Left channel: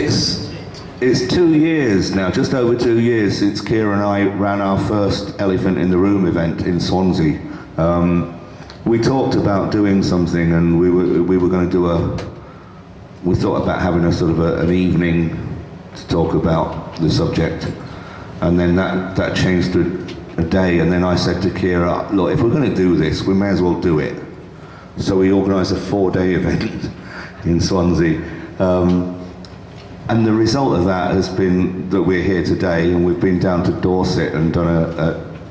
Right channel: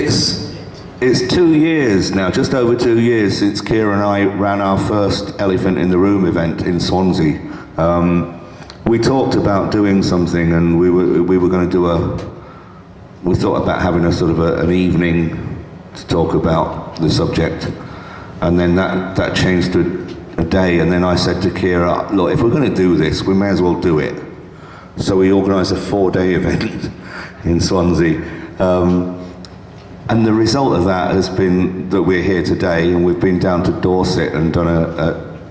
It's 2 years now, just over 2 years since Kiera and I ran our first Elephant in the Room event in Swansea. We talked about doing something, and we were going to do we thought about having a sort of an evening to talk about the subject, and then that changed to a day, and then I said to Kiera, look, if we're going to do this, we may as well do it. So we organised a 4-day event in Swansea. And the result of that has been that we're here today, and we've been down to Dorset and done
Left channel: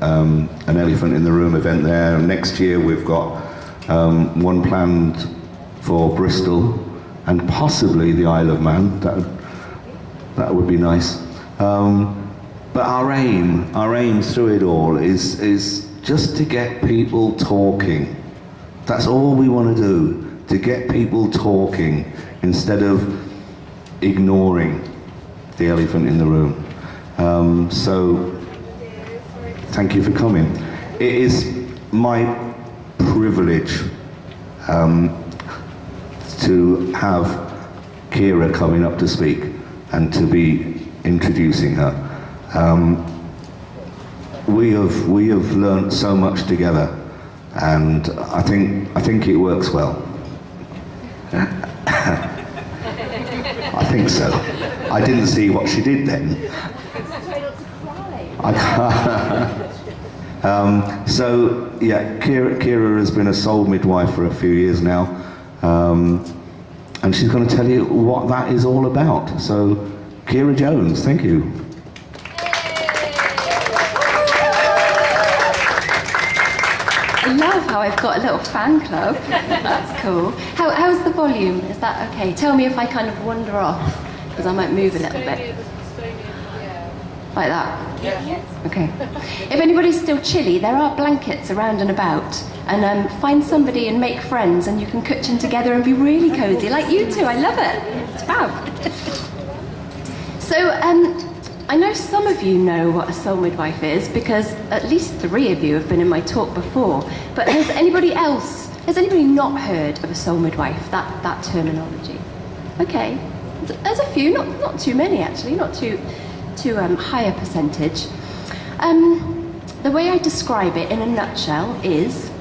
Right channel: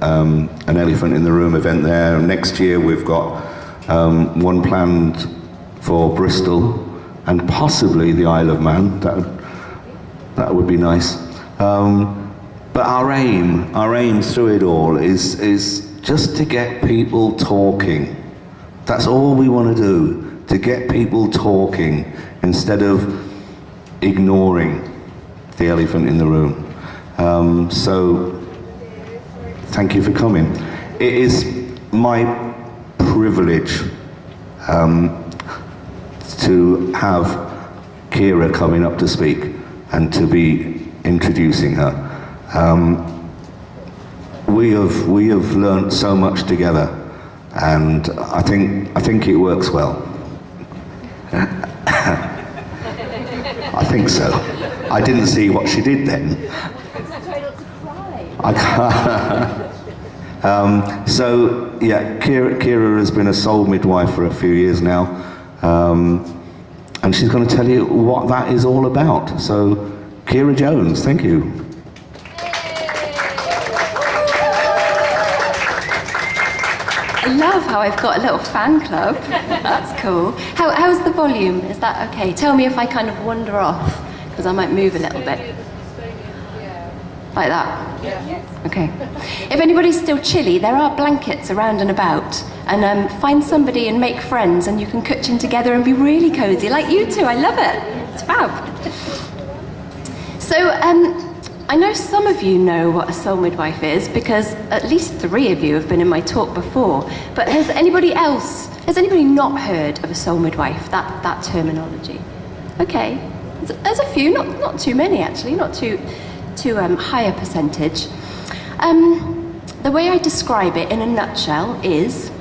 an Elephant in the Room event there. Next year we've got one planned for Bristol and possibly the Isle of Man. That would be nice. But our aim through it all is just to get people talking. That's all we want to do, to get people talking instead of ignoring the elephant in the room. So thank you for coming. It is my privilege to have Kiera coming up to speak and to be introducing her. We have learnt so much together, and I think it works well. I think so. I didn't see what she did then. I can't. So yeah, Kiera has been a soul midwife for a few years now, and she's going to tell you what that is all about. So, Kiera Jones, thank you. I love how I've got a little fan club. That's cool. How's the volume? Is that okay? Tell me if I kind of wander off, because I might move a little bit. Like that? Yeah. Okay. If anybody's still chilly, there are blankets around and about. And find somebody and make friends, and you can cushion together and be really cosy, like you two. I love it. It's fab. So, I know some of you know what a soul midwife is, because at least 3 of you have been in my talk before. But has anybody not heard of a soul midwife, that terminology? Okay. There's a few, not too many actually, not too high a percentage. The way I describe it in a nutshell is,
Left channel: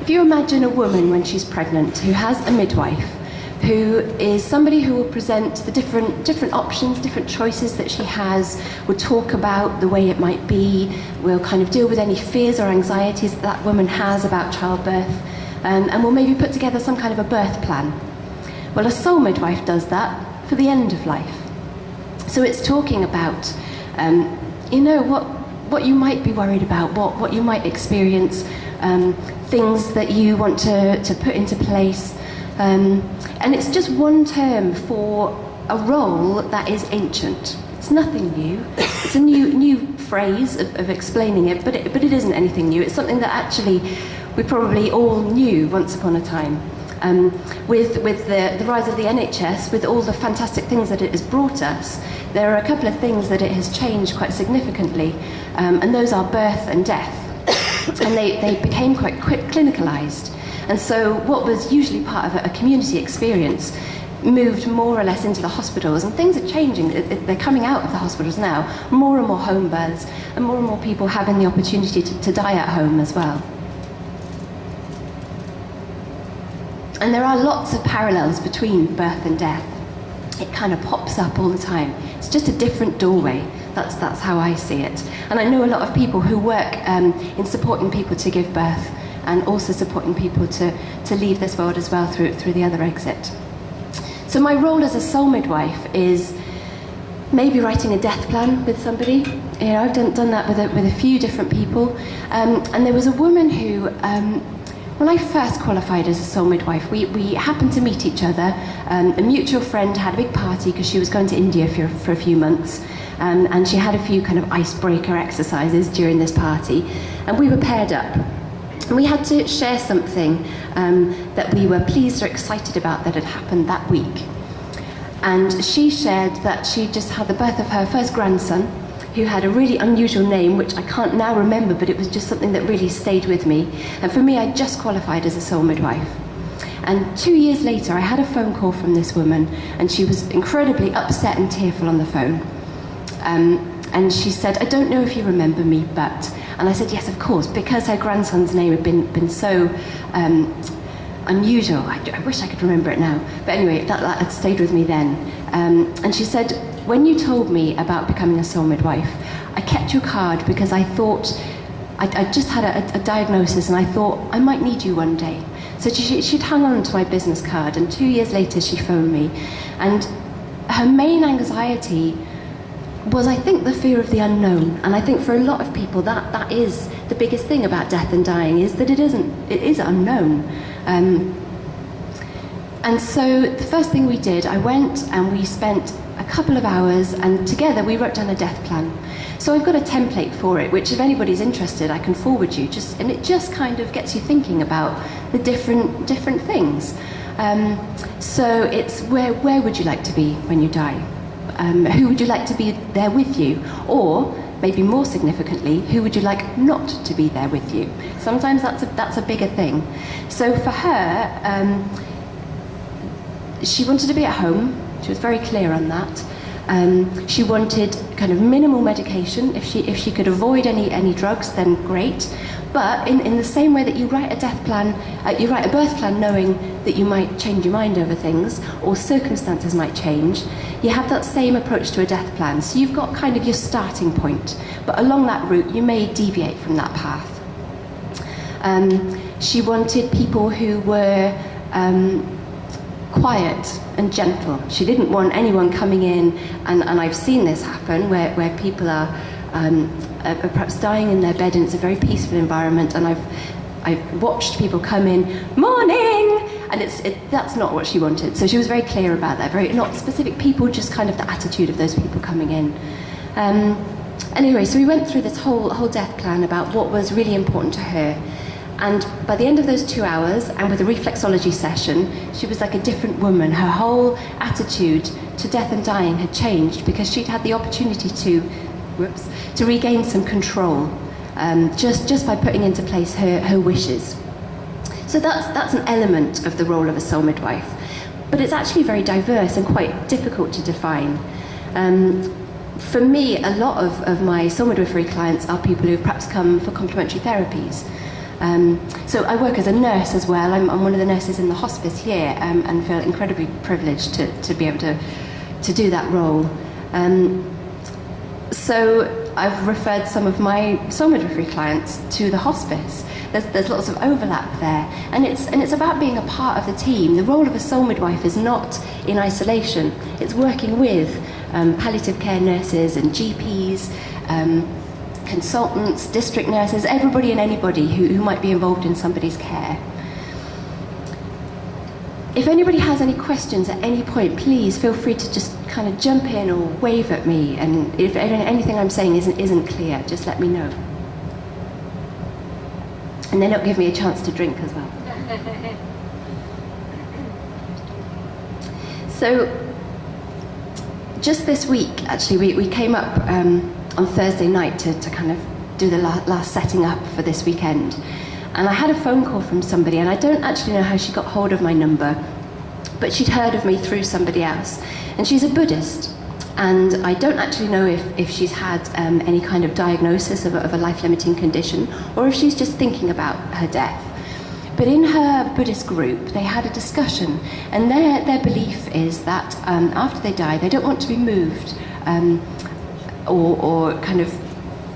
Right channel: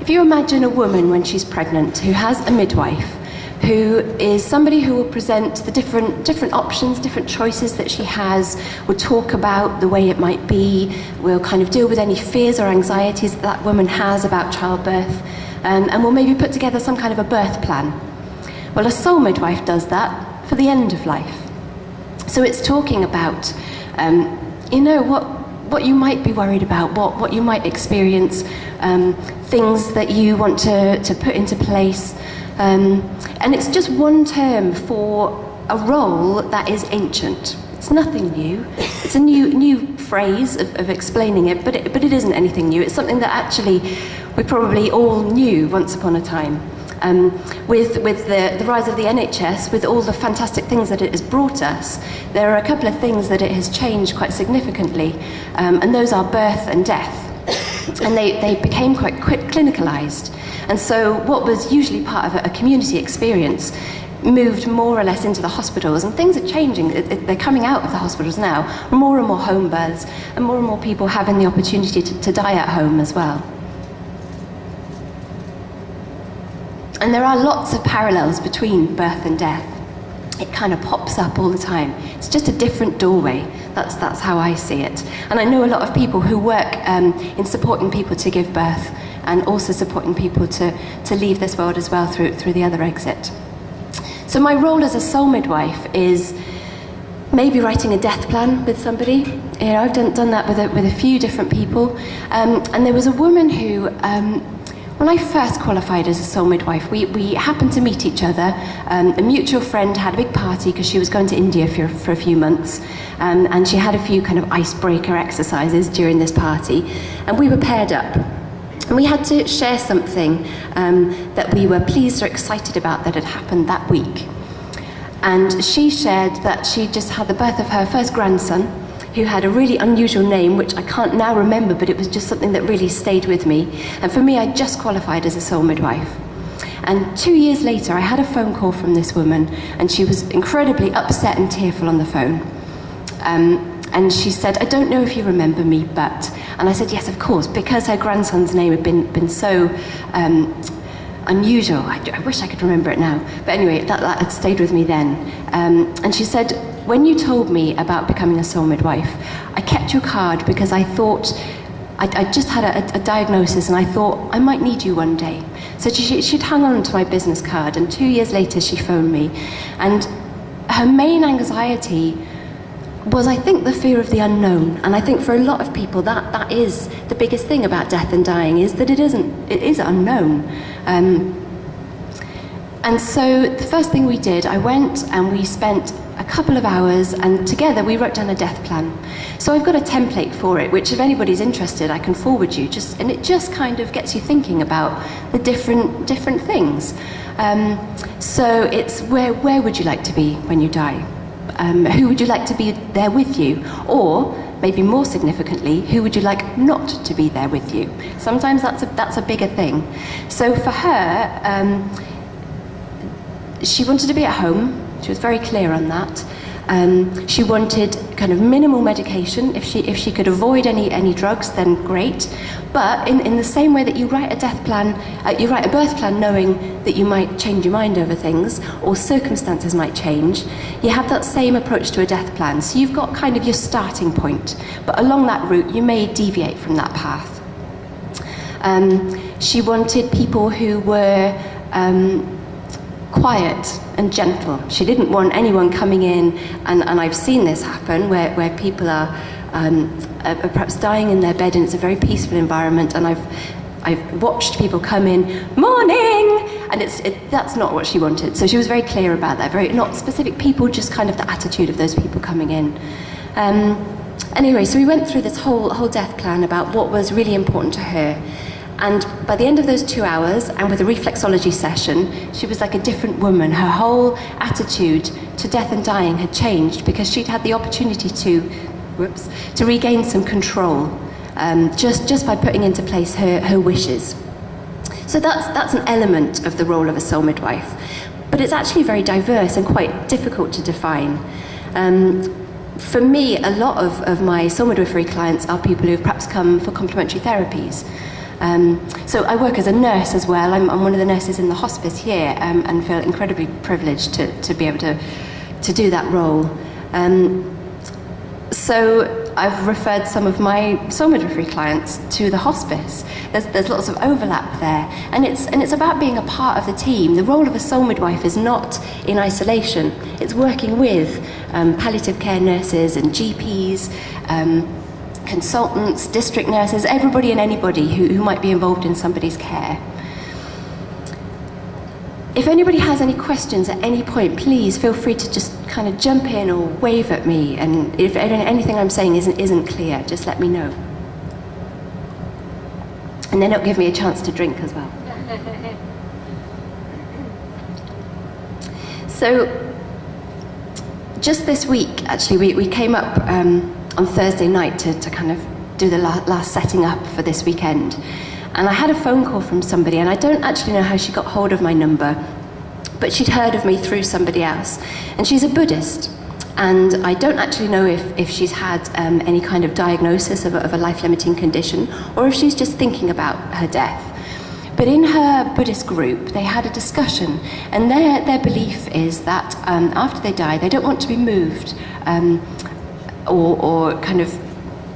if you imagine a woman when she's pregnant who has a midwife, who is somebody who will present the different options, different choices that she has, will talk about the way it might be, will kind of deal with any fears or anxieties that woman has about childbirth, and will maybe put together some kind of a birth plan. Well, a soul midwife does that for the end of life. So it's talking about, what you might be worried about, what you might experience, things that you want to put into place. And it's just one term for a role that is ancient. It's nothing new. It's a new phrase of explaining it, but it isn't anything new. It's something that actually we probably all knew once upon a time. With the rise of the NHS, with all the fantastic things that it has brought us, there are a couple of things that it has changed quite significantly, and those are birth and death. And they became quite clinicalised. And so what was usually part of a community experience moved more or less into the hospitals, and things are changing. They're coming out of the hospitals now, more and more home births, and more people having the opportunity to die at home as well. And there are lots of parallels between birth and death. It kind of pops up all the time. It's just a different doorway. That's how I see it. And I know a lot of people who work in supporting people to give birth, and also supporting people to leave this world as well through the other exit. So my role as a soul midwife is maybe writing a death plan with somebody. I've done that with a few different people. And there was a woman who, when I first qualified as a soul midwife, we happened to meet each other. A mutual friend had a big party because she was going to India for a few months, and she had a few kind of icebreaker exercises during this party, and we were paired up. And we had to share something that we were pleased or excited about that had happened that week. And she shared that she just had the birth of her first grandson, who had a really unusual name, which I can't now remember, but it was just something that really stayed with me. And for me, I just qualified as a soul midwife. And 2 years later, I had a phone call from this woman, and she was incredibly upset and tearful on the phone. And she said, I don't know if you remember me, but... And I said, yes, of course, because her grandson's name had been so unusual. I wish I could remember it now. But anyway, that had stayed with me then. And she said, when you told me about becoming a soul midwife, I kept your card because I thought... I just had a diagnosis, and I thought I might need you one day. So she'd hung on to my business card, and 2 years later she phoned me. And her main anxiety was, I think, the fear of the unknown. And I think for a lot of people that is the biggest thing about death and dying, is that it is unknown. And so the first thing we did, I went and we spent a couple of hours, and together we wrote down a death plan. So I've got a template for it, which if anybody's interested, I can forward you. And it just kind of gets you thinking about the different things. So it's where would you like to be when you die? Who would you like to be there with you? Or, maybe more significantly, who would you like not to be there with you? Sometimes that's a bigger thing. So for her, she wanted to be at home. She was very clear on that. She wanted kind of minimal medication. If she could avoid any drugs, then great. But in the same way that you write a death plan, you write a birth plan knowing that you might change your mind over things, or circumstances might change, you have that same approach to a death plan. So you've got kind of your starting point, but along that route you may deviate from that path. She wanted people who were quiet and gentle. She didn't want anyone coming in, and I've seen this happen, where people are perhaps dying in their bed, and it's a very peaceful environment, and I've watched people come in, morning, and that's not what she wanted. So she was very clear about that, very not specific people, just kind of the attitude of those people coming in. Anyway, so we went through this whole death plan about what was really important to her. And by the end of those 2 hours, and with a reflexology session, she was like a different woman. Her whole attitude to death and dying had changed because she'd had the opportunity to regain some control, just by putting into place her wishes. So that's an element of the role of a soul midwife. But it's actually very diverse and quite difficult to define. For me, a lot of my soul midwifery clients are people who've perhaps come for complementary therapies. So I work as a nurse as well. I'm one of the nurses in the hospice here, and feel incredibly privileged to be able to do that role. So I've referred some of my soul midwifery clients to the hospice. There's lots of overlap there, and it's about being a part of the team. The role of a soul midwife is not in isolation. It's working with palliative care nurses and GPs, consultants, district nurses, everybody and anybody who might be involved in somebody's care. If anybody has any questions at any point, please feel free to just kind of jump in or wave at me, and if anything I'm saying isn't clear, just let me know. And then it'll give me a chance to drink as well. So, just this week, actually, we came up on Thursday night to kind of do the last setting up for this weekend. And I had a phone call from somebody, and I don't actually know how she got hold of my number, but she'd heard of me through somebody else. And she's a Buddhist, and I don't actually know if she's had any kind of diagnosis of a life-limiting condition, or if she's just thinking about her death. But in her Buddhist group, they had a discussion, and their belief is that after they die, they don't want to be moved or kind of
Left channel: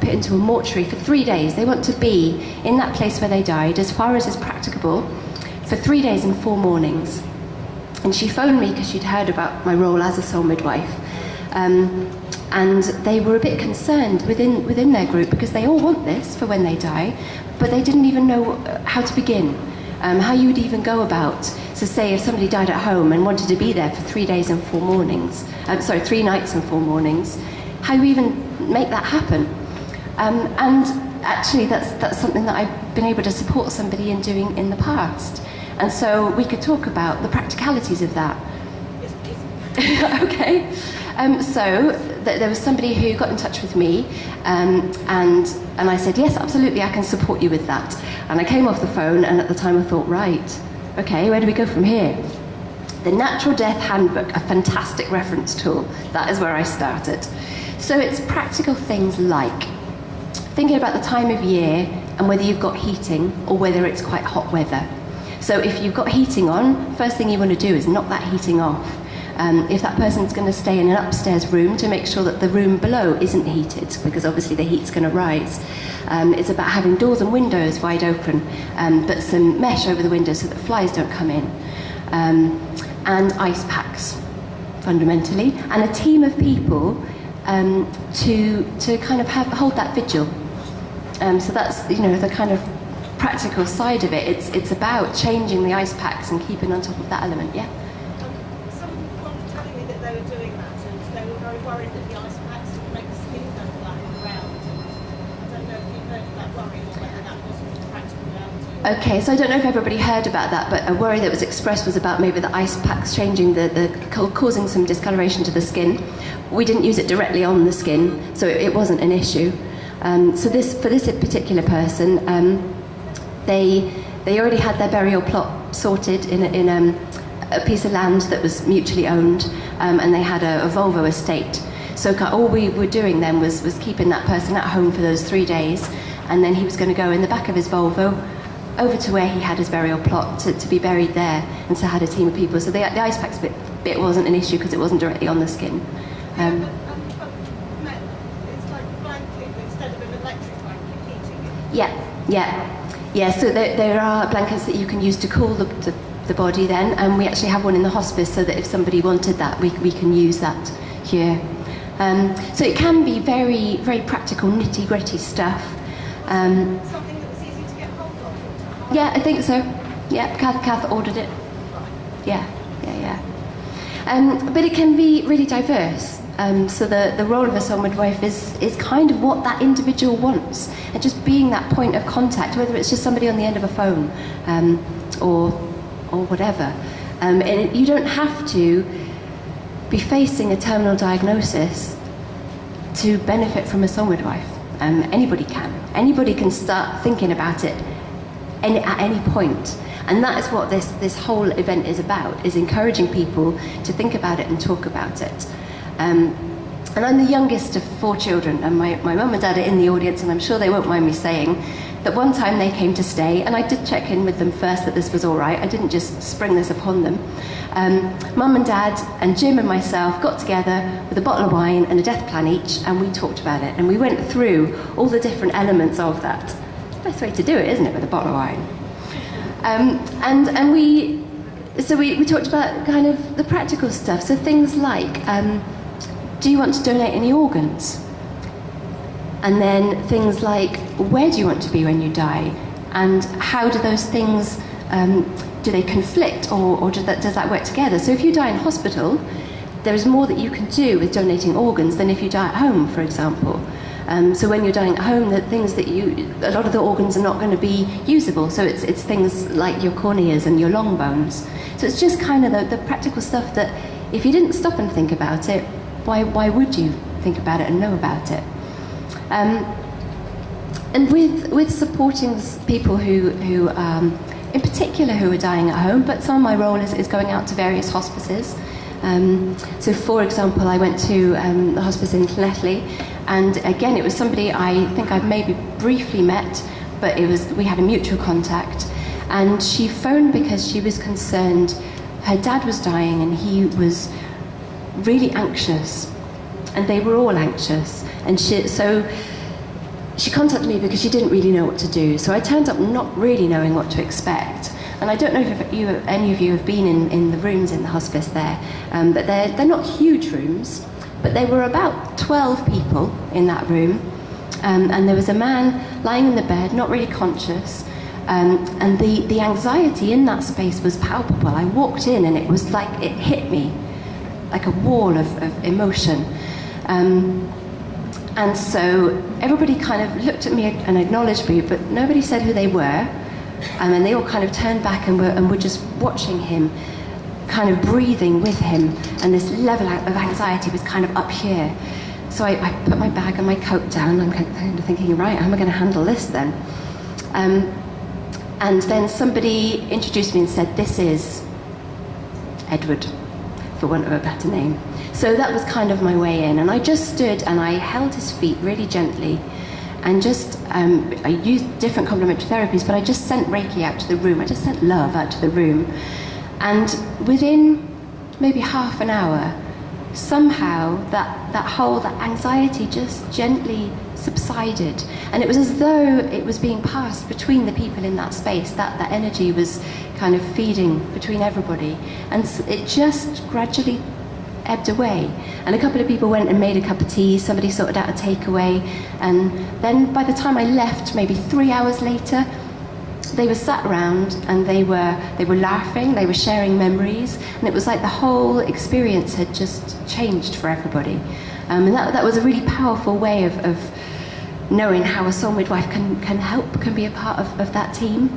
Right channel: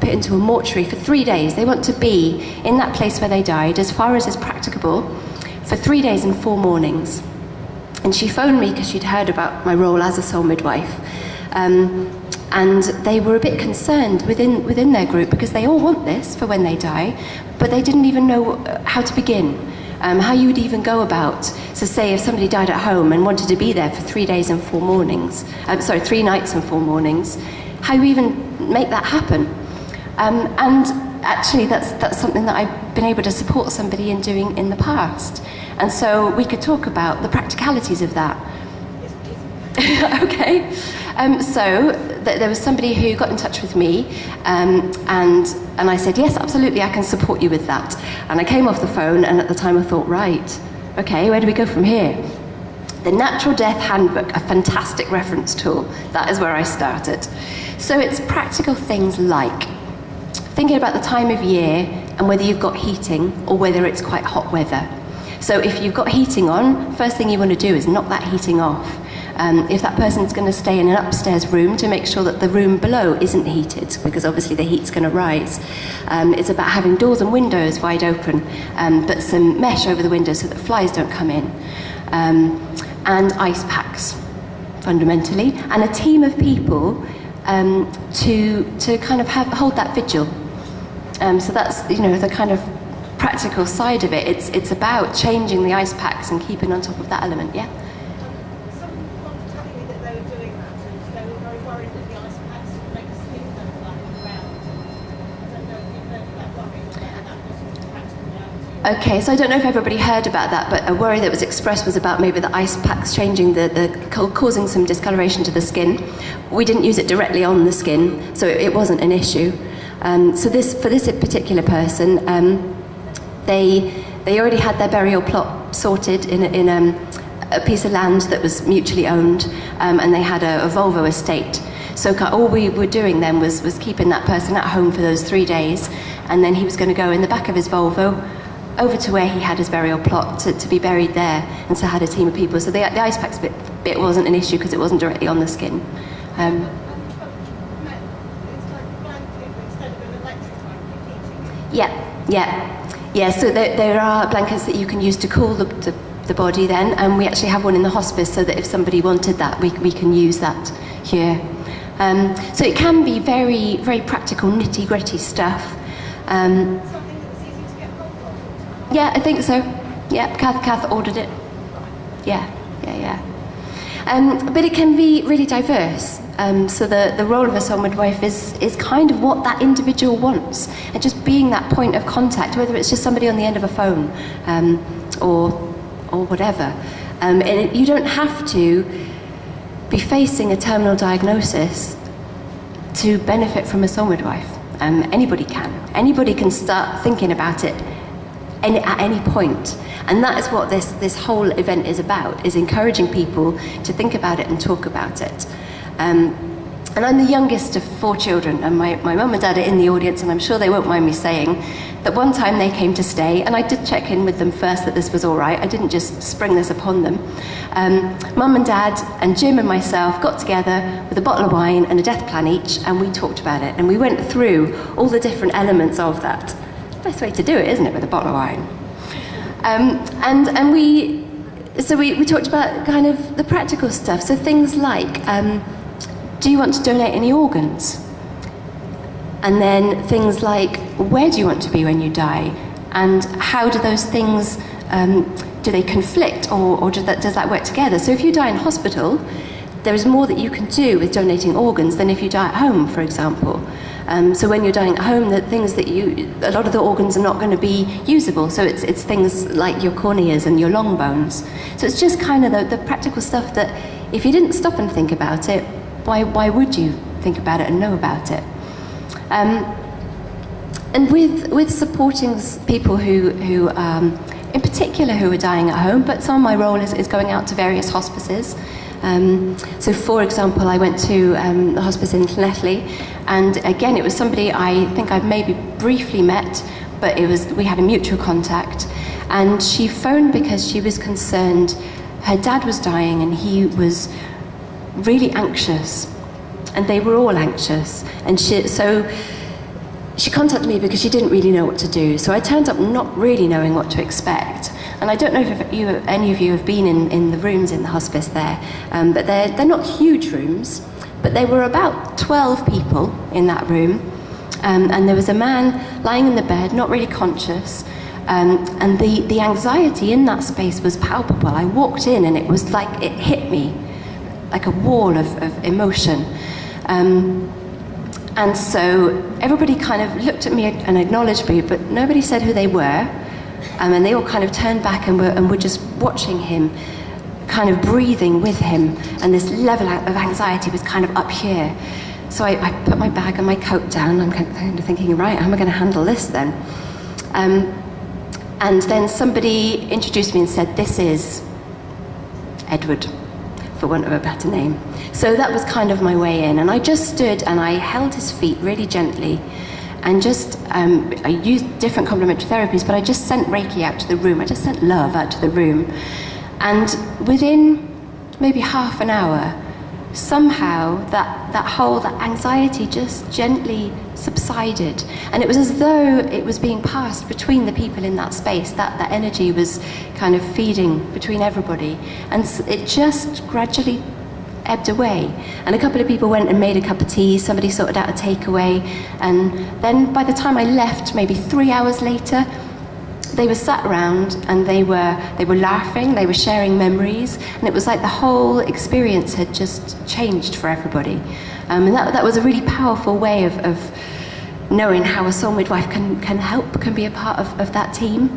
put into a mortuary for 3 days. They want to be in that place where they died, as far as is practicable, for 3 days and 4 mornings. And she phoned me because she'd heard about my role as a soul midwife. And they were a bit concerned within their group, because they all want this for when they die, but they didn't even know how to begin, how you would even go about. So say if somebody died at home and wanted to be there for 3 days and 4 mornings, 3 nights and 4 mornings, how you even make that happen. And actually that's something that I've been able to support somebody in doing in the past. And so we could talk about the practicalities of that. Yes, okay. So there was somebody who got in touch with me, and I said, yes, absolutely, I can support you with that. And I came off the phone, and at the time I thought, right, Okay, where do we go from here? The Natural Death Handbook, a fantastic reference tool. That is where I started. So it's practical things like thinking about the time of year and whether you've got heating or whether it's quite hot weather. So if you've got heating on, first thing you want to do is knock that heating off. If that person's going to stay in an upstairs room, to make sure that the room below isn't heated, because obviously the heat's going to rise. It's about having doors and windows wide open, but some mesh over the windows so that flies don't come in. And ice packs, fundamentally, and a team of people to kind of hold that vigil. So that's, the kind of practical side of it. It's about changing the ice packs and keeping on top of that element, yeah? Some people were telling me that they were doing that and they were very worried that the ice packs would make the skin go black and round. I don't know if you've heard of that worry or whether that was a practical reality. Okay, so I don't know if everybody heard about that, but a worry that was expressed was about maybe the ice packs changing causing some discoloration to the skin. We didn't use it directly on the skin, so it wasn't an issue. So for this particular person, they already had their burial plot sorted in a piece of land that was mutually owned, and they had a Volvo estate. So all we were doing then was keeping that person at home for those 3 days, and then he was going to go in the back of his Volvo over to where he had his burial plot to be buried there, and so had a team of people. So the ice packs bit wasn't an issue because it wasn't directly on the skin. It's like a blanket instead of an electric blanket heating it. Yeah. So there are blankets that you can use to cool the body then, and we actually have one in the hospice so that if somebody wanted that, we can use that here. So it can be very, very practical, nitty-gritty stuff. Something that was easy to get hold of. Yeah, I think so. Yeah, Kath ordered it. Yeah. But it can be really diverse. So the role of a sole midwife is kind of what that individual wants, and just being that point of contact, whether it's just somebody on the end of a phone or whatever. And you don't have to be facing a terminal diagnosis to benefit from a sole midwife. Anybody can. Anybody can start thinking about it at any point. And that is what this whole event is about, is encouraging people to think about it and talk about it. And I'm the youngest of 4 children, and my mum and dad are in the audience, and I'm sure they won't mind me saying that one time they came to stay, and I did check in with them first that this was all right. I didn't just spring this upon them. Mum and dad and Jim and myself got together with a bottle of wine and a death plan each, and we talked about it, and we went through all the different elements of that. Best way to do it, isn't it, with a bottle of wine? And we talked about kind of the practical stuff. So things like, do you want to donate any organs? And then things like, where do you want to be when you die? And how do those things, do they conflict, or does that work together? So if you die in hospital, there is more that you can do with donating organs than if you die at home, for example. So when you're dying at home, the things that a lot of the organs are not going to be usable. So it's things like your corneas and your long bones. So it's just kind of the practical stuff that if you didn't stop and think about it, why would you think about it and know about it? And with supporting people who in particular who are dying at home, but some of my role is going out to various hospices. So for example, I went to the hospice in Llanelli, and again it was somebody I think I've maybe briefly met, but we had a mutual contact, and she phoned because she was concerned her dad was dying and he was really anxious, and they were all anxious, and she contacted me because she didn't really know what to do. So I turned up not really knowing what to expect. And I don't know if any of you have been in the rooms in the hospice there, but they're not huge rooms, but there were about 12 people in that room, and there was a man lying in the bed, not really conscious, and the anxiety in that space was palpable. I walked in and it was like it hit me like a wall of emotion. And so everybody kind of looked at me and acknowledged me, but nobody said who they were. And they all kind of turned back and were just watching him, kind of breathing with him. And this level of anxiety was kind of up here. So I put my bag and my coat down. I'm kind of thinking, right, how am I going to handle this then? And then somebody introduced me and said, this is Edward, for want of a better name. So that was kind of my way in. And I just stood and I held his feet really gently and just, I used different complementary therapies, but I just sent Reiki out to the room. I just sent love out to the room. And within maybe half an hour, somehow that anxiety just gently subsided. And it was as though it was being passed between the people in that space. That energy was kind of feeding between everybody. And it just gradually ebbed away. And a couple of people went and made a cup of tea, somebody sorted out a takeaway, and then by the time I left, maybe 3 hours later, they were sat around and they were laughing, they were sharing memories, and it was like the whole experience had just changed for everybody. And that was a really powerful way of knowing how a soul midwife can help, can be a part of that team.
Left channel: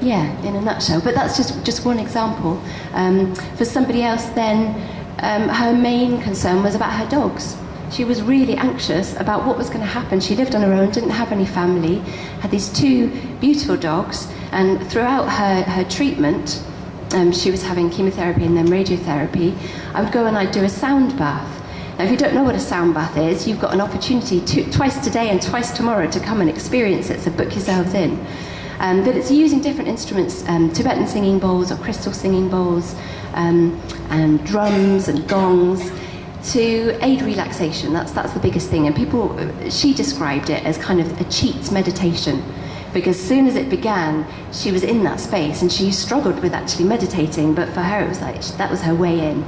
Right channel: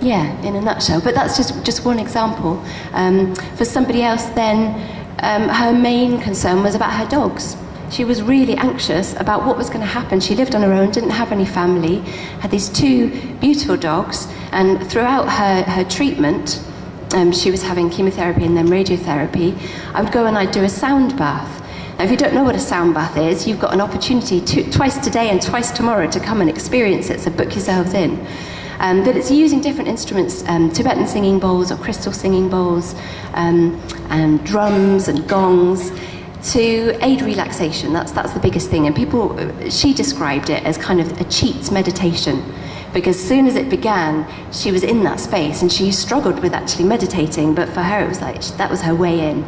Yeah, in a nutshell. But that's just one example. For somebody else then, her main concern was about her dogs. She was really anxious about what was going to happen. She lived on her own, didn't have any family, had these 2 beautiful dogs, and throughout her treatment, she was having chemotherapy and then radiotherapy, I would go and I'd do a sound bath. Now, if you don't know what a sound bath is, you've got an opportunity twice today and twice tomorrow to come and experience it, so book yourselves in. But it's using different instruments, Tibetan singing bowls or crystal singing bowls, and drums and gongs, to aid relaxation. That's the biggest thing. And she described it as kind of a cheat meditation, because as soon as it began, she was in that space and she struggled with actually meditating, but for her it was like that was her way in.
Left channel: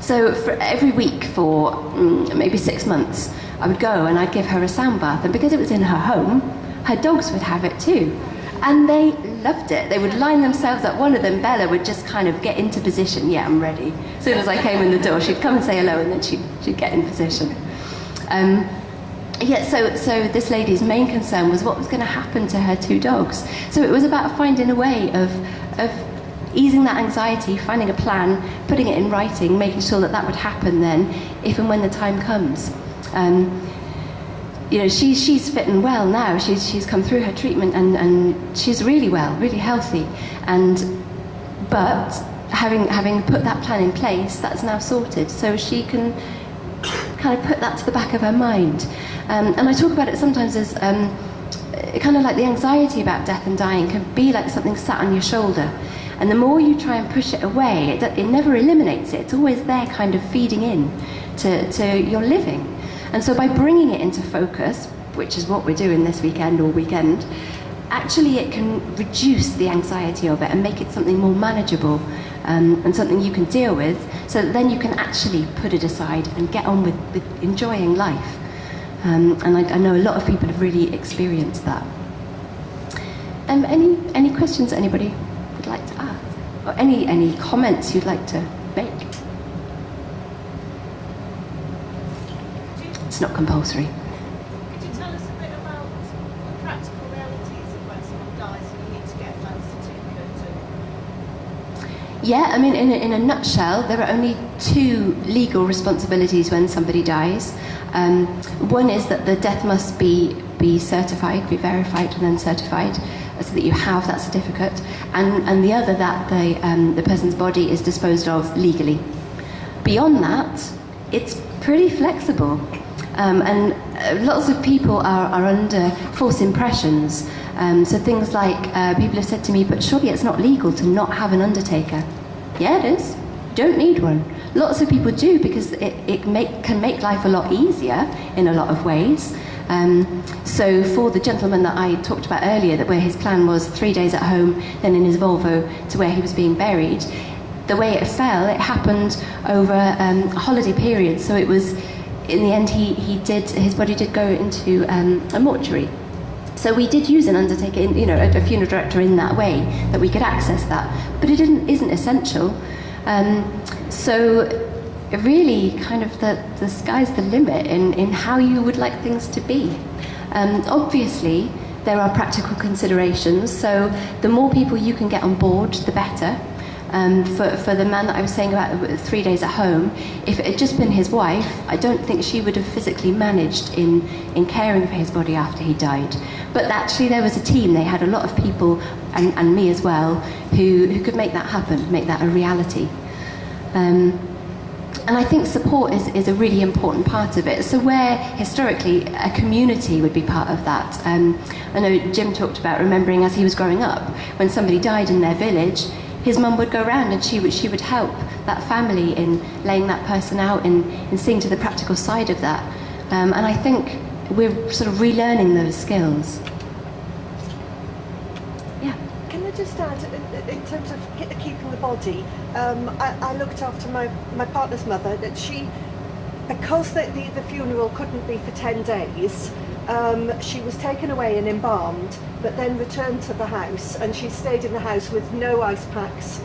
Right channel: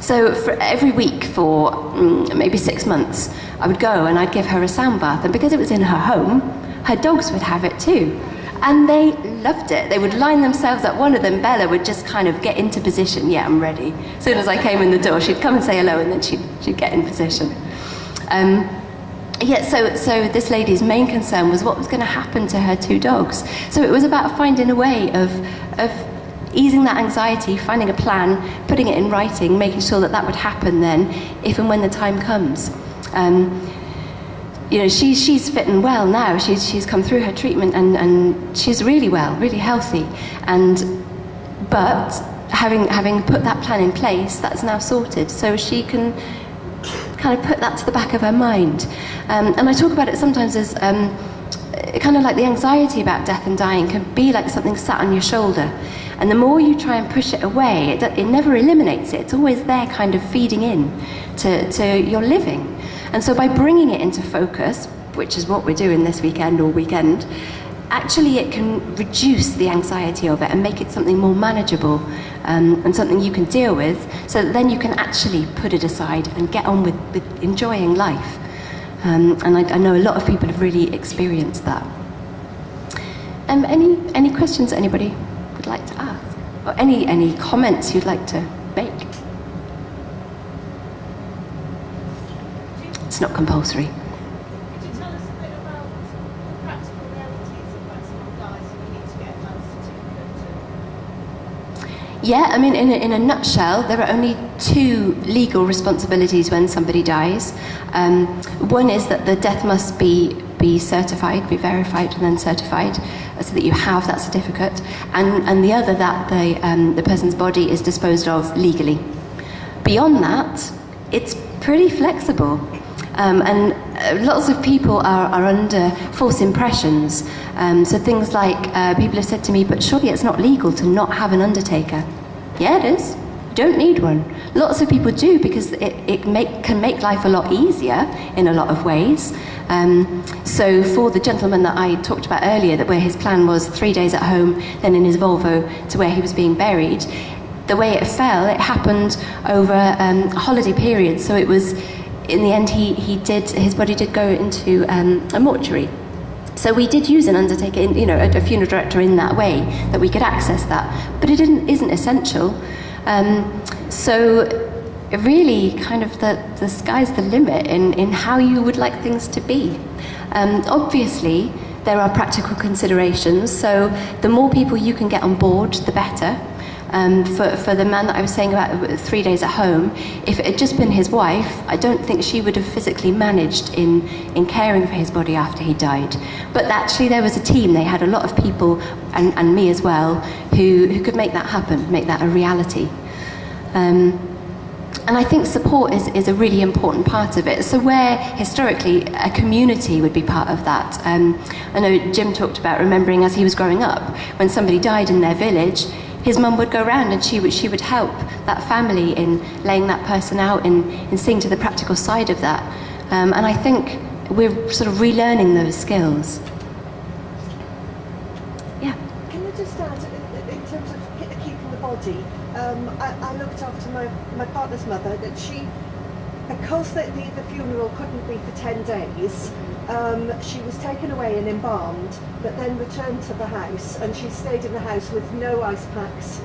So for every week for maybe 6 months, I would go and I'd give her a sound bath, and because it was in her home, her dogs would have it too. And they loved it. They would line themselves up. One of them, Bella, would just kind of get into position. Yeah, I'm ready. As soon as I came in the door, she'd come and say hello, and then she'd get in position. So this lady's main concern was what was going to happen to her 2 dogs. So it was about finding a way of easing that anxiety, finding a plan, putting it in writing, making sure that would happen then, if and when the time comes. She's fit and well now. She's come through her treatment and she's really well, really healthy. But having put that plan in place, that's now sorted. So she can kind of put that to the back of her mind. And I talk about it sometimes as kind of like the anxiety about death and dying can be like something sat on your shoulder. And the more you try and push it away, it never eliminates it. It's always there kind of feeding in to your living. And so by bringing it into focus, which is what we're doing this weekend or weekend, actually it can reduce the anxiety of it and make it something more manageable, and something you can deal with, so that then you can actually put it aside and get on with enjoying life. And I know a lot of people have really experienced that. Any questions that anybody would like to ask? Or any comments you'd like to make? It's not compulsory. Could you tell us a bit about the practical realities of when someone dies and you need to get a certificate? Yeah, I mean, in a nutshell, there are only 2 legal responsibilities when somebody dies. One is that the death must be certified, be verified and then certified, so that you have that certificate. And the other, that the person's body is disposed of legally. Beyond that, it's pretty flexible. And lots of people are under false impressions. So things like, people have said to me, but surely it's not legal to not have an undertaker. Yeah, it is. You don't need one. Lots of people do, because it can make life a lot easier in a lot of ways. So for the gentleman that I talked about earlier, where his plan was 3 days at home, then in his Volvo to where he was being buried, the way it fell, it happened over a holiday period. So it was, in the end, his body did go into a mortuary. So we did use an undertaker, a funeral director in that way, that we could access that. But it isn't essential. So really, kind of the sky's the limit in how you would like things to be. Obviously, there are practical considerations. So the more people you can get on board, the better. For the man that I was saying about 3 days at home, if it had just been his wife, I don't think she would have physically managed in caring for his body after he died. But actually there was a team, they had a lot of people, and me as well, who could make that happen, make that a reality. And I think support is a really important part of it. So where historically a community would be part of that. I know Jim talked about remembering as he was growing up, when somebody died in their village, his mum would go around and she would help that family in laying that person out, in seeing to the practical side of that. And I think we're sort of relearning those skills. Yeah. Can I just add, in terms of keeping the body, I looked after my partner's mother, that she, because the funeral couldn't be for 10 days, she was taken away and embalmed, but then returned to the house, and she stayed in the house with no ice packs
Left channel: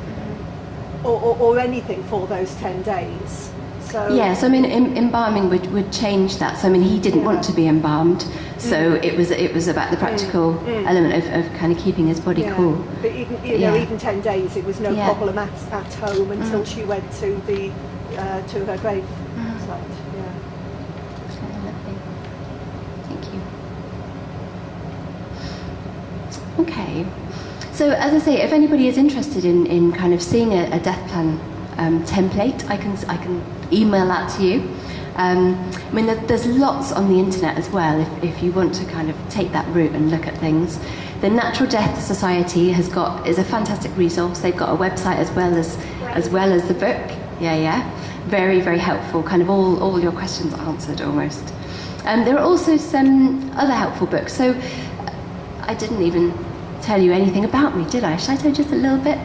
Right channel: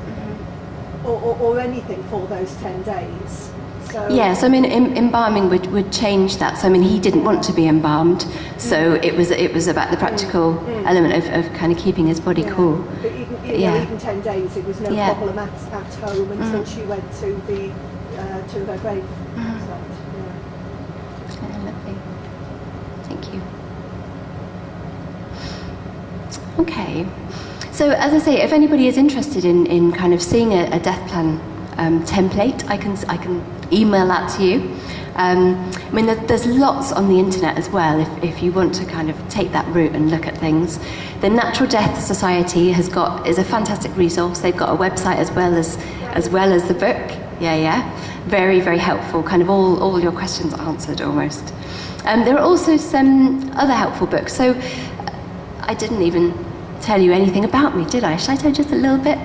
or anything for those 10 days. So yes, I mean, embalming would change that. So I mean, he didn't want to be embalmed, so it was about the practical element of kind of keeping his body cool. But even 10 days, it was no problem at home until she went to her grave site. Lovely. Thank you. Okay. So as I say, if anybody is interested in kind of seeing a death plan template, I can email that to you. I mean, there's lots on the internet as well if you want to kind of take that route and look at things. The Natural Death Society is a fantastic resource. They've got a website as well as the book. Yeah. Very, very helpful. Kind of all your questions answered almost. There are also some other helpful books. So I didn't even tell you anything about me, did I? Should I tell you just a little bit?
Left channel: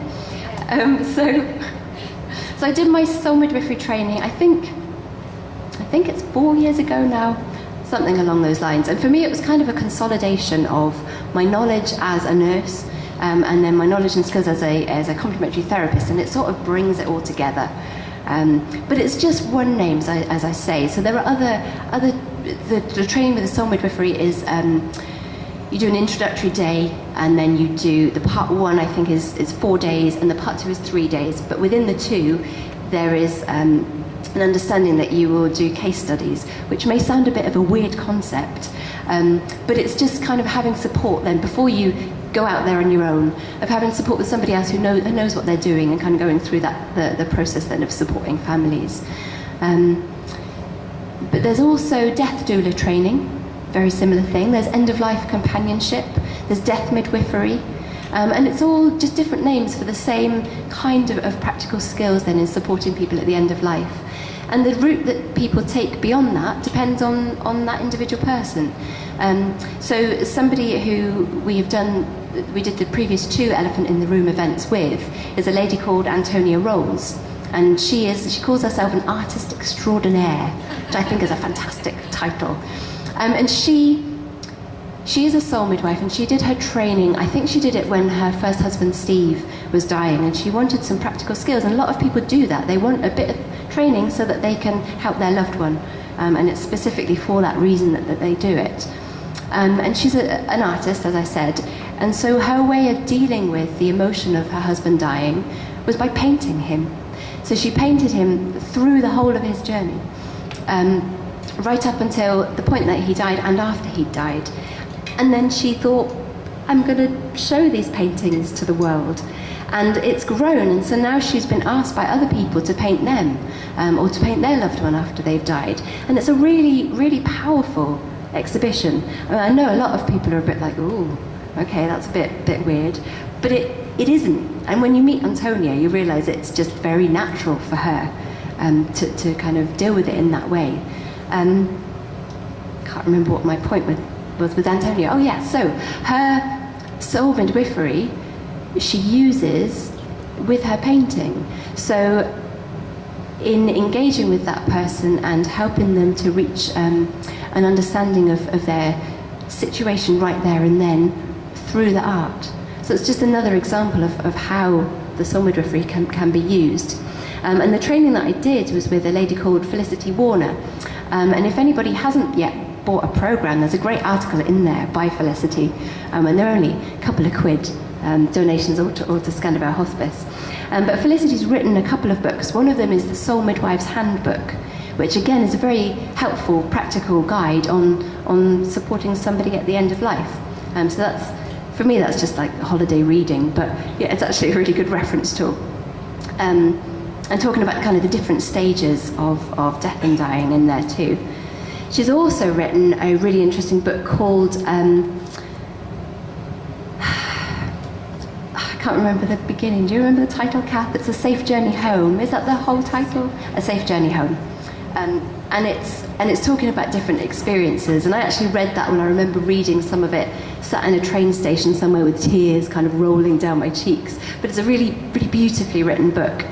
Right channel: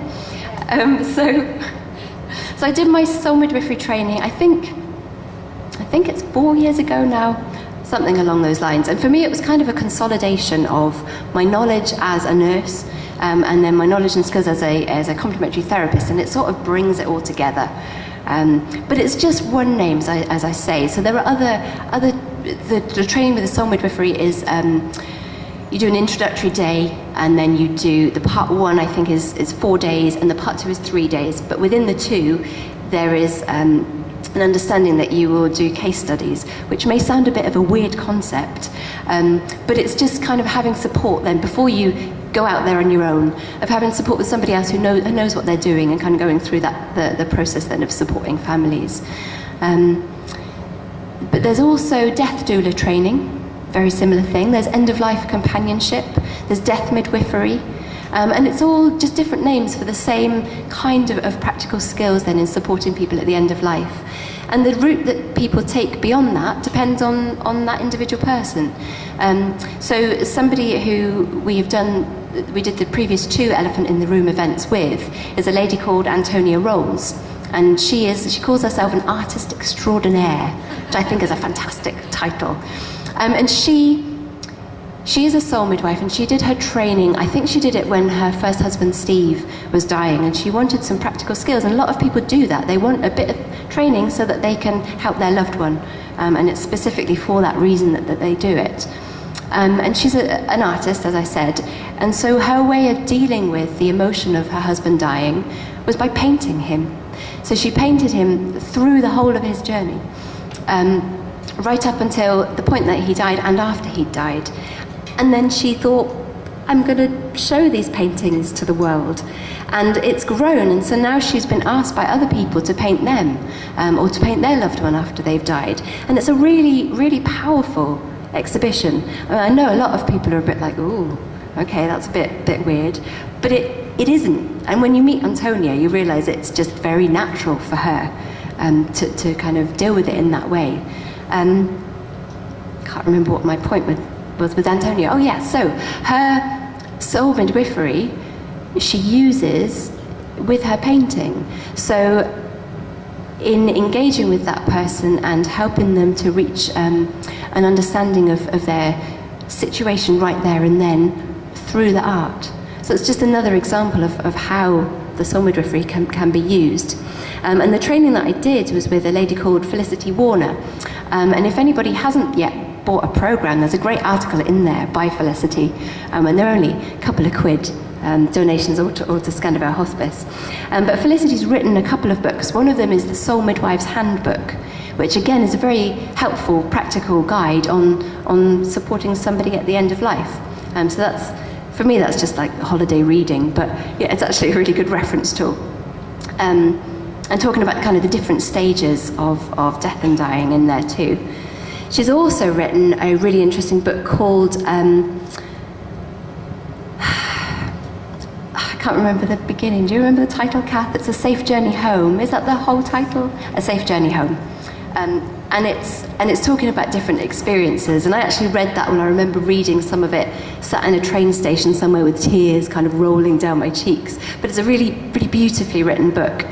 So I did my soul midwifery training, I think it's 4 years ago now, something along those lines. And for me, it was kind of a consolidation of my knowledge as a nurse, and then my knowledge and skills as a complementary therapist, and it sort of brings it all together. But it's just one name, as I say. So there are other. The training with the soul midwifery is. You do an introductory day, and then you do the part 1, I think, is 4 days, and the part 2 is 3 days. But within the 2, there is an understanding that you will do case studies, which may sound a bit of a weird concept, but it's just kind of having support then before you go out there on your own, of having support with somebody else who knows what they're doing, and kind of going through the process then of supporting families. But there's also death doula training. Very similar thing. There's end-of-life companionship, there's death midwifery, and it's all just different names for the same kind of practical skills then in supporting people at the end of life. And the route that people take beyond that depends on that individual person. So somebody who we did the previous 2 Elephant in the Room events with is a lady called Antonia Rolls, and she calls herself an artist extraordinaire, which I think is a fantastic title. And she is a soul midwife, and she did her training. I think she did it when her first husband Steve was dying, and she wanted some practical skills. And a lot of people do that. They want a bit of training so that they can help their loved one, and it's specifically for that reason that they do it. And she's an artist, as I said, and so her way of dealing with the emotion of her husband dying was by painting him. So she painted him through the whole of his journey. Right up until the point that he died and after he died. And then she thought, I'm going to show these paintings to the world. And it's grown, and so now she's been asked by other people to paint them, or to paint their loved one after they've died. And it's a really, really powerful exhibition. I know a lot of people are a bit like, ooh, okay, that's a bit weird. But it isn't. And when you meet Antonia, you realise it's just very natural for her to kind of deal with it in that way. Can't remember what my point was with Antonia. Oh yeah, so her soul midwifery she uses with her painting. So in engaging with that person and helping them to reach an understanding of their situation right there and then through the art. So it's just another example of how the soul midwifery can be used. And the training that I did was with a lady called Felicity Warner. And if anybody hasn't yet bought a program, there's a great article in there by Felicity, and they're only a couple of quid. donations or to Skanda Vale Hospice. But Felicity's written a couple of books. One of them is the Soul Midwife's Handbook, which again is a very helpful, practical guide on supporting somebody at the end of life. So that's, for me, that's just like holiday reading, but yeah, it's actually a really good reference tool. And talking about kind of the different stages of death and dying in there too. She's also written a really interesting book called, I can't remember the beginning. Do you remember the title, Kath? It's A Safe Journey Home. Is that the whole title? A Safe Journey Home. And it's talking about different experiences. And I actually read that when I remember reading some of it, sat in a train station somewhere with tears kind of rolling down my cheeks. But it's a really, really beautifully written book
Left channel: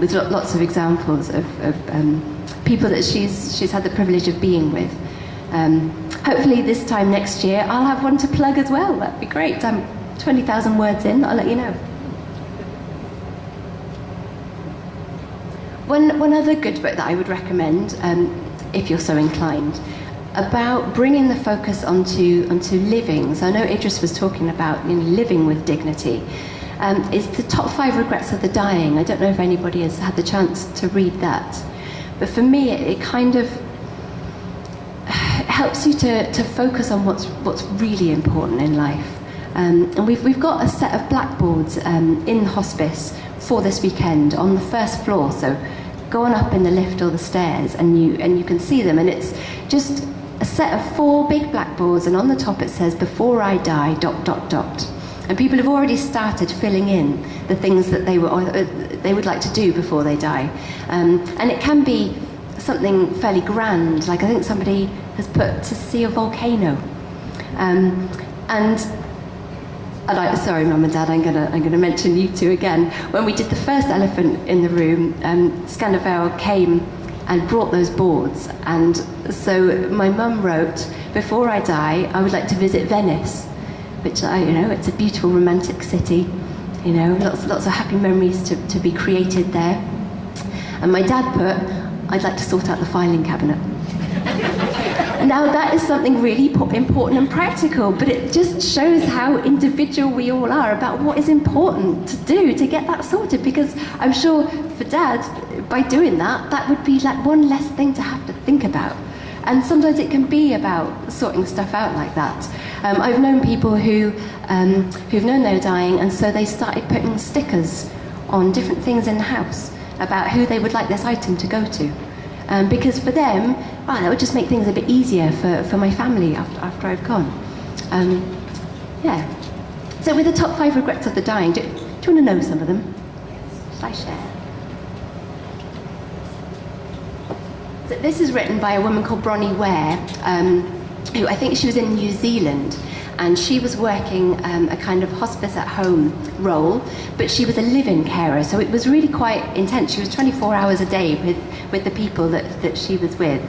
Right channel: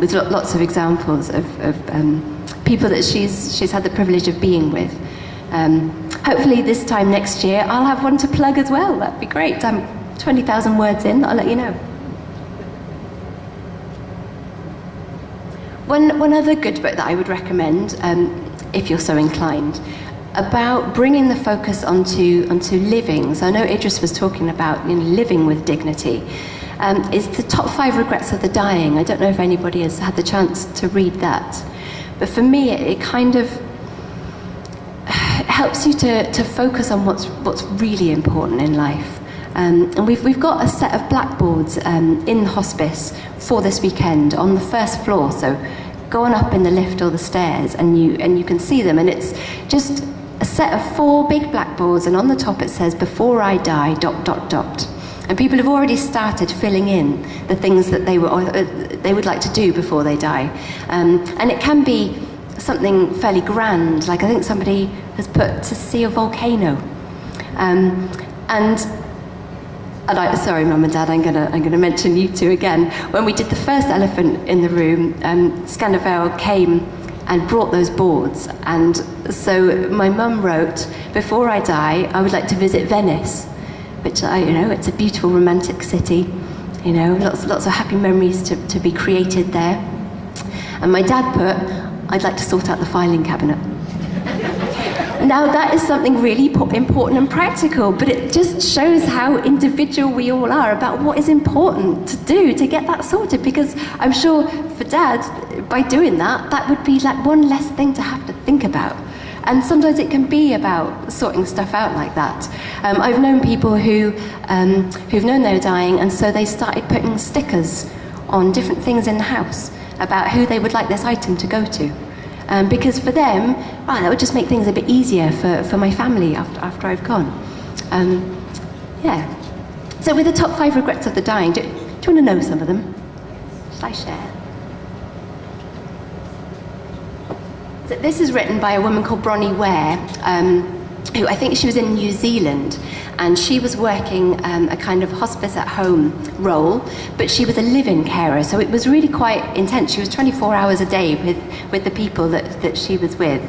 with lots of examples of people that she's had the privilege of being with. Hopefully this time next year I'll have one to plug as well. That'd be great. I'm 20,000 words in, I'll let you know. One other good book that I would recommend, if you're so inclined, about bringing the focus onto living. So I know Idris was talking about living with dignity. Is The Top 5 Regrets of the Dying. I don't know if anybody has had the chance to read that. But for me, it kind of helps you to focus on what's really important in life. And we've got a set of blackboards in the hospice for this weekend on the first floor. So go on up in the lift or the stairs and you can see them. And it's just a set of 4 big blackboards, and on the top it says, "Before I die, ... And people have already started filling in the things that they would like to do before they die. And it can be something fairly grand, like I think somebody has put to see a volcano. Sorry, Mum and Dad, I'm gonna mention you two again. When we did the first elephant in the room, Skanda Vale came and brought those boards, and so my mum wrote, "Before I die, I would like to visit Venice," which it's a beautiful romantic city, lots of happy memories to be created there. And my dad put, "I'd like to sort out the filing cabinet." Now that is something really important and practical, but it just shows how individual we all are about what is important to do to get that sorted, because I'm sure for Dad, by doing that would be like one less thing to have to think about. And sometimes it can be about sorting stuff out like that. I've known people who've known they were dying, and so they started putting stickers on different things in the house about who they would like this item to go to. Because for them, that would just make things a bit easier for my family after I've gone. Yeah. So with the top 5 regrets of the dying, do you want to know some of them? Shall I share? So this is written by a woman called Bronnie Ware, who I think she was in New Zealand, and she was working a kind of hospice at home role, but she was a live-in carer, so it was really quite intense. She was 24 hours a day with the people that she was with.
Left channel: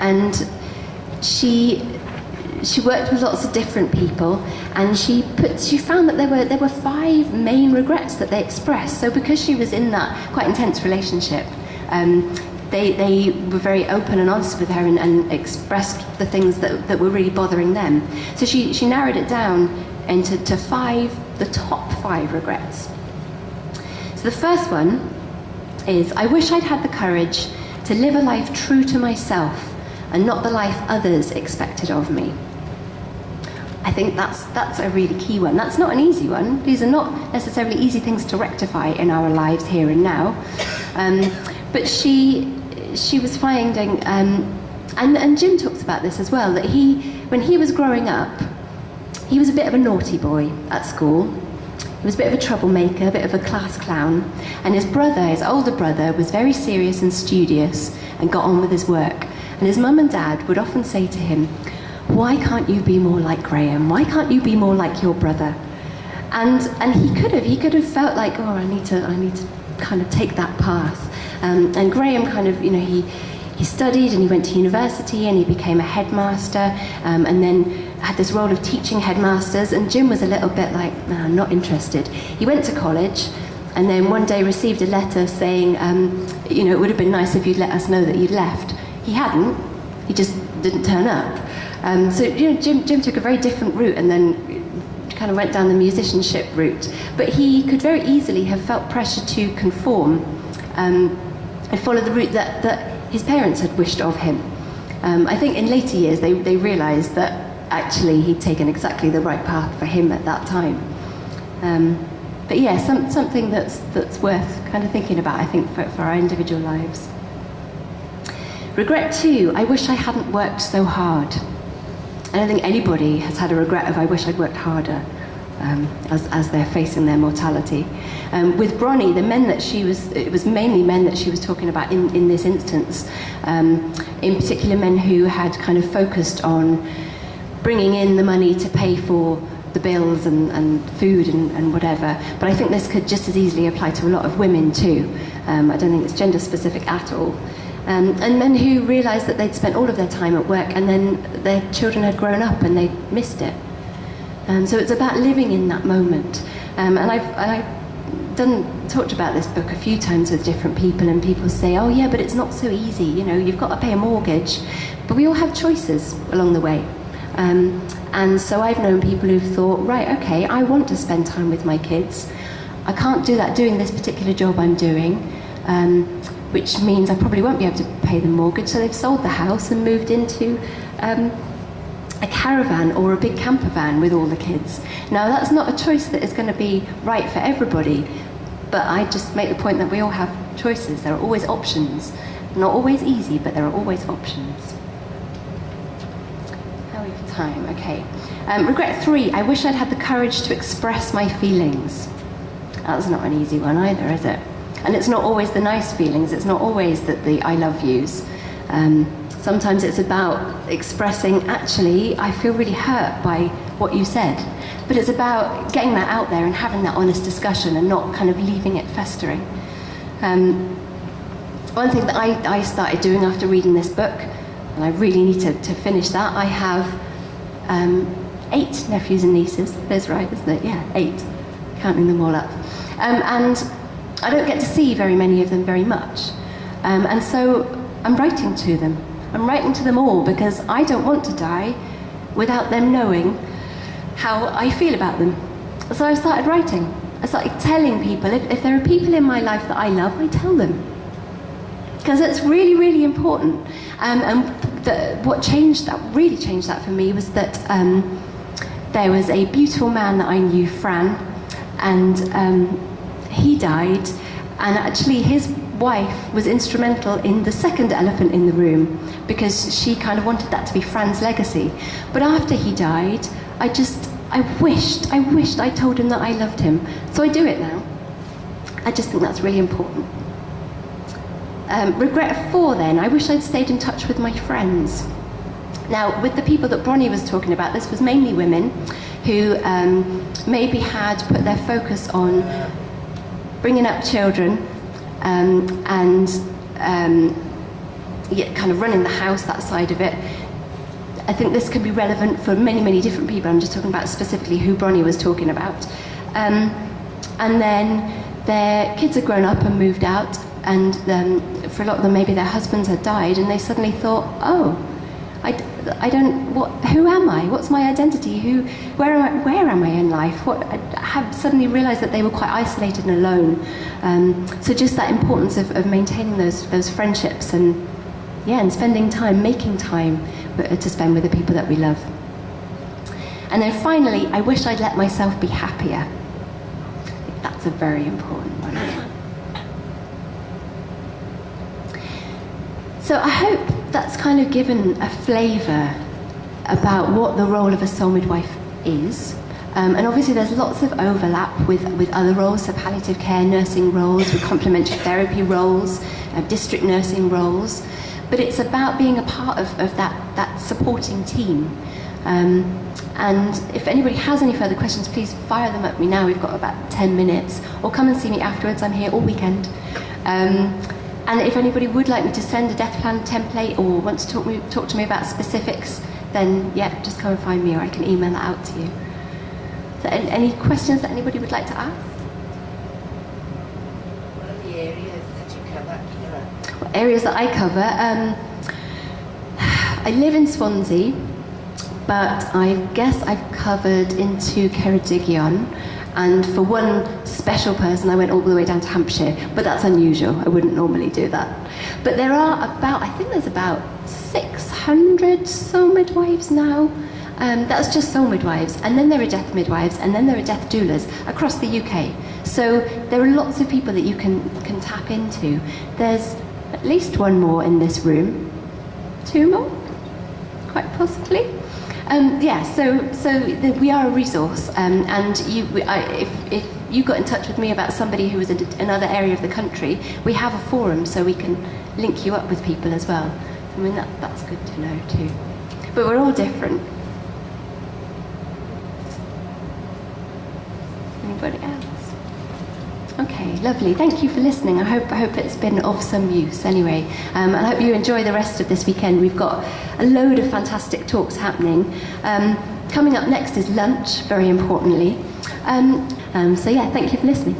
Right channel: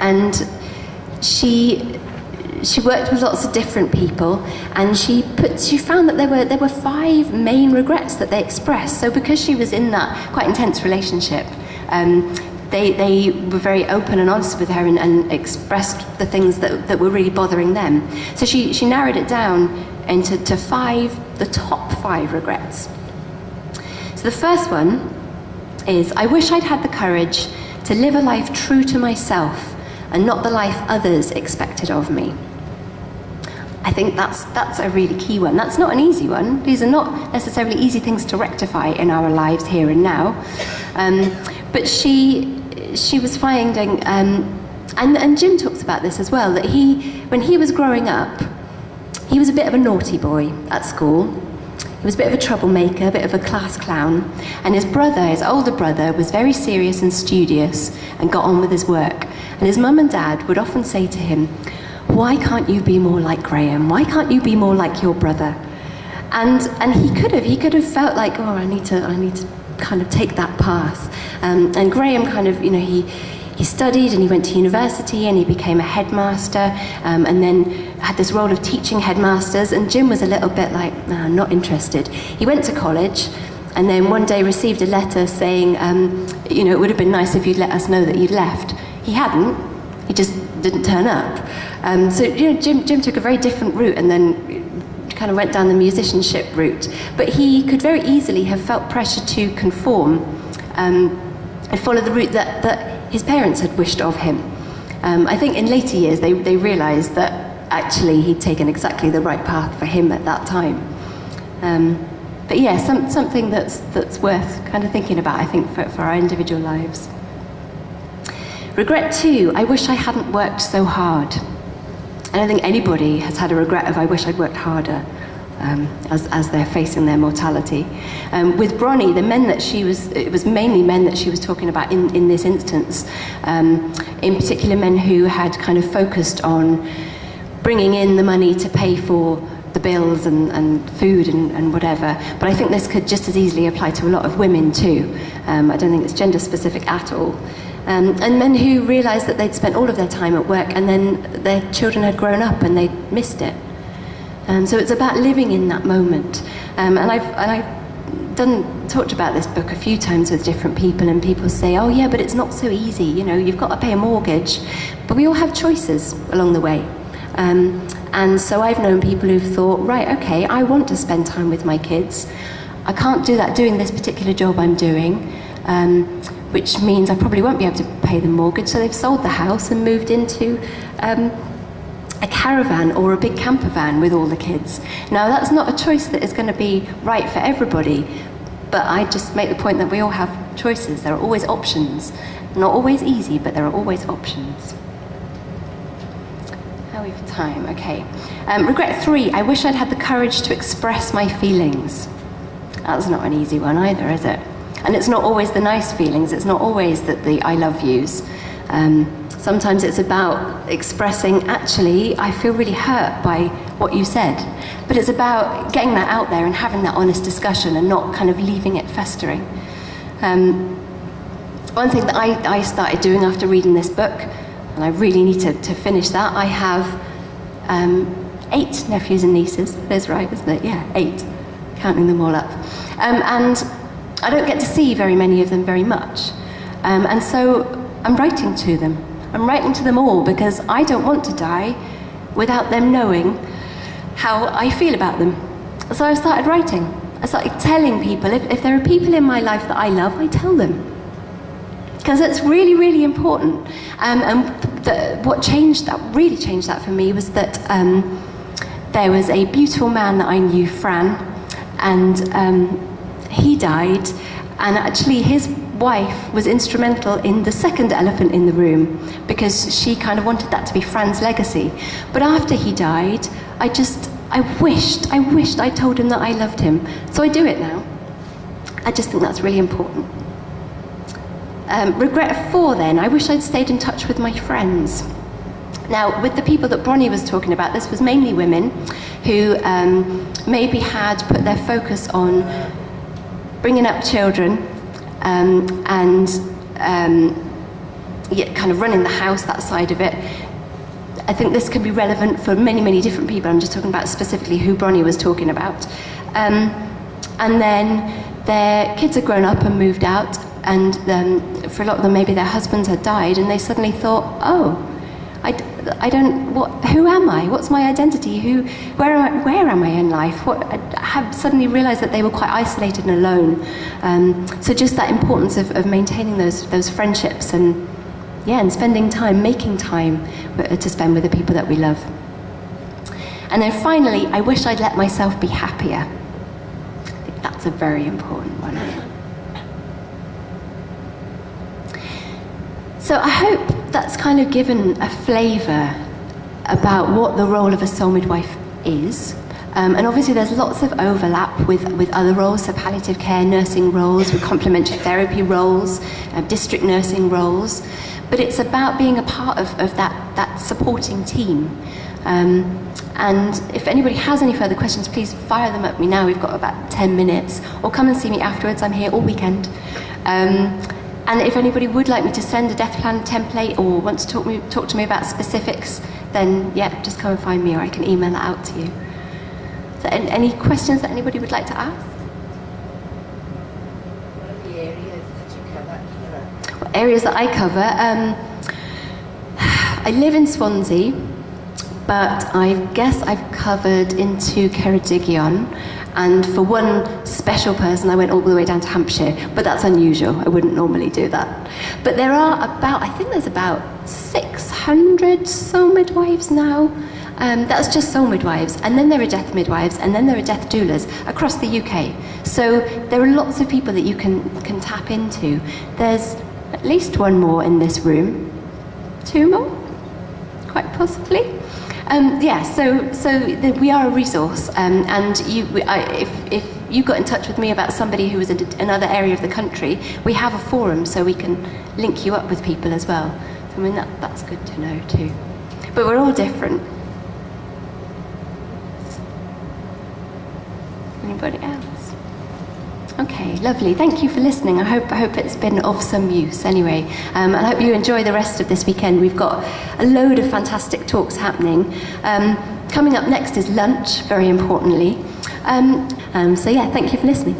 And she worked with lots of different people, and she found that there were 5 main regrets that they expressed. So because she was in that quite intense relationship, they were very open and honest with her and expressed the things that were really bothering them. So she narrowed it down into the top 5 regrets. So the first one is, "I wish I'd had the courage to live a life true to myself and not the life others expected of me." I think that's a really key one. That's not an easy one. These are not necessarily easy things to rectify in our lives here and now. But she was finding, and Jim talks about this as well, that when he was growing up, he was a bit of a naughty boy at school. He was a bit of a troublemaker, a bit of a class clown. And his older brother, was very serious and studious and got on with his work. And his mum and dad would often say to him, "Why can't you be more like Graham? Why can't you be more like your brother?" And he could have felt like, I need to kind of take that path. And Graham kind of, he studied and he went to university and he became a headmaster, and then had this role of teaching headmasters. And Jim was a little bit like, "Nah, not interested." He went to college, and then one day received a letter saying, it would have been nice if you'd let us know that you'd left. He hadn't. He just didn't turn up. So Jim took a very different route, and then kind of went down the musicianship route, but he could very easily have felt pressure to conform and follow the route that his parents had wished of him. I think in later years they realised that actually he'd taken exactly the right path for him at that time. But yeah, something that's worth kind of thinking about, I think, for our individual lives. Regret 2, I wish I hadn't worked so hard. I don't think anybody has had a regret of I wish I'd worked harder as they're facing their mortality. With Bronnie, it was mainly men that she was talking about in this instance, in particular men who had kind of focused on bringing in the money to pay for the bills and food and whatever. But I think this could just as easily apply to a lot of women too. I don't think it's gender specific at all. And men who realised that they'd spent all of their time at work and then their children had grown up and they'd missed it. So it's about living in that moment. And I've talked about this book a few times with different people, and people say, oh yeah, but it's not so easy, you've got to pay a mortgage. But we all have choices along the way. And so I've known people who've thought, right, okay, I want to spend time with my kids. I can't do that doing this particular job I'm doing, which means I probably won't be able to pay the mortgage. So they've sold the house and moved into a caravan or a big camper van with all the kids. Now that's not a choice that is going to be right for everybody, but I just make the point that we all have choices. There are always options. Not always easy, but there are always options. How are we for time? Okay. Regret 3, I wish I'd had the courage to express my feelings. That's not an easy one either, is it? And it's not always the nice feelings. It's not always the I love yous. Sometimes it's about expressing, actually, I feel really hurt by what you said. But it's about getting that out there and having that honest discussion and not kind of leaving it festering. One thing that I started doing after reading this book, and I really need to finish that, I have 8 nephews and nieces. That's right, isn't it? Yeah, 8, counting them all up. And I don't get to see very many of them very much. And so I'm writing to them. I'm writing to them all because I don't want to die without them knowing how I feel about them. So I started writing. I started telling people, if there are people in my life that I love, I tell them. Because it's really, really important. And what really changed that for me was that there was a beautiful man that I knew, Fran, and he died, and actually his wife was instrumental in the second elephant in the room because she kind of wanted that to be Fran's legacy. But after he died, I wished I told him that I loved him. So I do it now. I just think that's really important. Regret 4 then, I wish I'd stayed in touch with my friends. Now, with the people that Bronnie was talking about, this was mainly women who maybe had put their focus on bringing up children and kind of running the house, that side of it. I think this could be relevant for many, many different people. I'm just talking about specifically who Bronnie was talking about. And then their kids had grown up and moved out, and for a lot of them, maybe their husbands had died, and they suddenly thought, oh, who am I? What's my identity? Where am I in life? I have suddenly realised that they were quite isolated and alone. So just that importance of maintaining those friendships and spending time, making time to spend with the people that we love. And then finally, I wish I'd let myself be happier. I think that's a very important one. So I hope that's kind of given a flavour about what the role of a soul midwife is. And obviously there's lots of overlap with other roles, so palliative care, nursing roles, with complementary therapy roles, district nursing roles. But it's about being a part of that supporting team. And if anybody has any further questions, please fire them at me now. We've got about 10 minutes. Or come and see me afterwards. I'm here all weekend. And if anybody would like me to send a death plan template or want to talk to me about specifics, then just come and find me, or I can email that out to you. So any questions that anybody would like to ask? What are the areas that you cover, Kiera? What areas that I cover? I live in Swansea, but I guess I've covered into Ceredigion, and for one special person I went all the way down to Hampshire, but that's unusual. I wouldn't normally do that. But there are I think there's about 600 soul midwives now. That's just soul midwives, and then there are death midwives, and then there are death doulas across the UK. So there are lots of people that you can tap into. There's at least one more in this room, 2 more, quite possibly. We are a resource, and if you got in touch with me about somebody who was in another area of the country, we have a forum so we can link you up with people as well. I mean, that's good to know too. But we're all different. Anybody else? Okay, lovely. Thank you for listening. I hope it's been of some use anyway. And I hope you enjoy the rest of this weekend. We've got a load of fantastic talks happening. Coming up next is lunch, very importantly. Thank you for listening.